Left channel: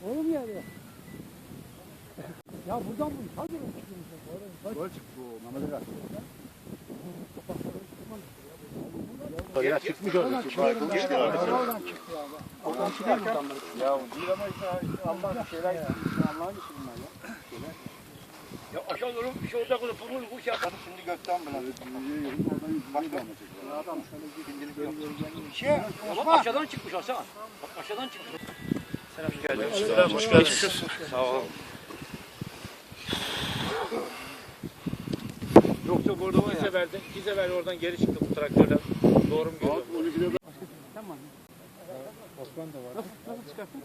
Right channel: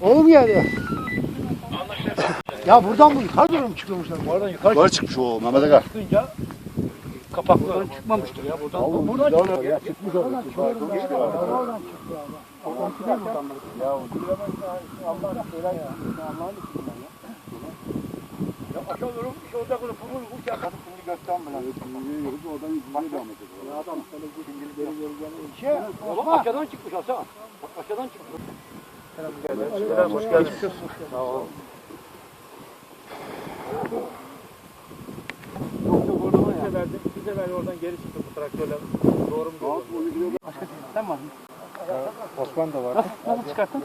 Oğlum geldi. Ya buradan bu yukarı doğru mu çıkıyormuşlar? Bu aradan yukarı Yukarı çıkmış o Mehmet Aga. çıkınca kapaklardan çıkmamıştır ya buradan. Oğlum, buradan buradan çıktı. ya çıkmış orada. Oradan Yukarı çıktı. çıkmış ya. ya. Oradan ya. Oradan çıkıyor buradan. Ya o değil ama Allah'ın şeyler Allah'ın işi bunlar ya. Ya aşağı doğru bir şey olacak olur. Pulun bu şey. Şimdi gökten bile. Şey, Ulan aşağıdan çıkmış Hasan. Aşağıdan çıkmış. Selam, hoş geldiniz. Yok yok orada iki seferdi. İki sefer oradan geri çıktı bu traktörle. Doğru mu görüyorum? Tamam. Osman da var. Nasıl, nasıl çıkarttın?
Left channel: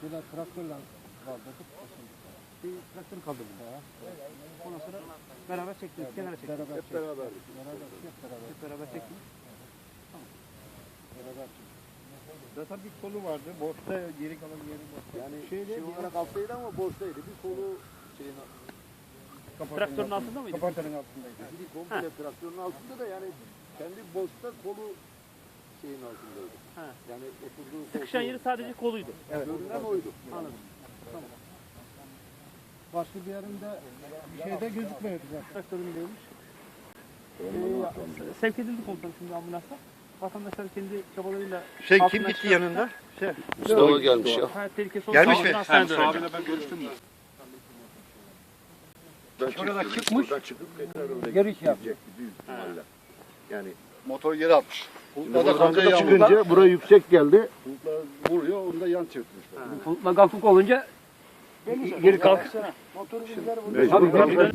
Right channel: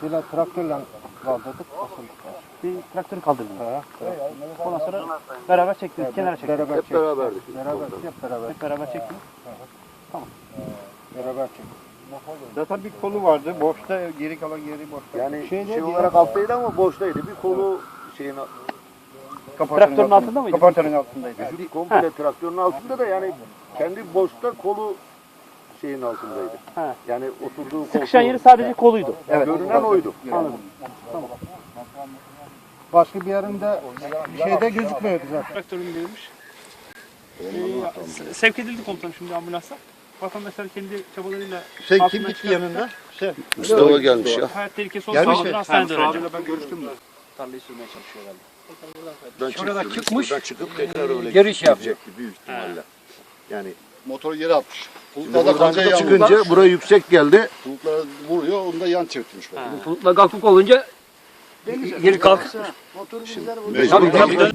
Şeyler traktörle kaldırdık. Bir traktörü kaldırdın. Ha. Ondan sonra beraber çektiniz. Kenara çektiniz. Beraber Hep. Beraber hep beraber. Hep beraber çektiniz. Beraber çektik. Zaten bir kolu vardı. Boşta geri kalan yeri boşta. Yani Şey şey, olarak alttaydı ama boştaydı. Bir kolu şeyin Traktörün altında mıydı? Kaportanın altındaydı. vücut komple traktörün altında da yani kendi boşta kolu şeyin altındaydı. Ha. Yani oturduğu koltuğu. Sıkışan yeri sadece koluydu. Evet. Görünen oydu. Anladım. Başka bir yerinde şeyde gözükmüyordu zaten. traktöründeymiş. Ee, sevk edildi komutanım şimdi ambulansa. Vatandaşlar kendi çabalarıyla Şey altından kim gitti çıkarttılar. yanında? Şey. Mustafa gelmiş ya. Hayat tehlikesi Gelmiş olsa mi? hastanede öğrenci. ben görüştüm mü? Şurada çıkmış. çıkıp tekrar öyle Geri şey yapacak. büyük ihtimalle. Yani Motoru yere atmış. şimdi Bulutlarda buradan yan çıkınca buraya yüksek geldi. Bulutlara vuruyor, onu da yan çevirtmiş. Bulutla kalkıp olunca geri kalk. Mecbur.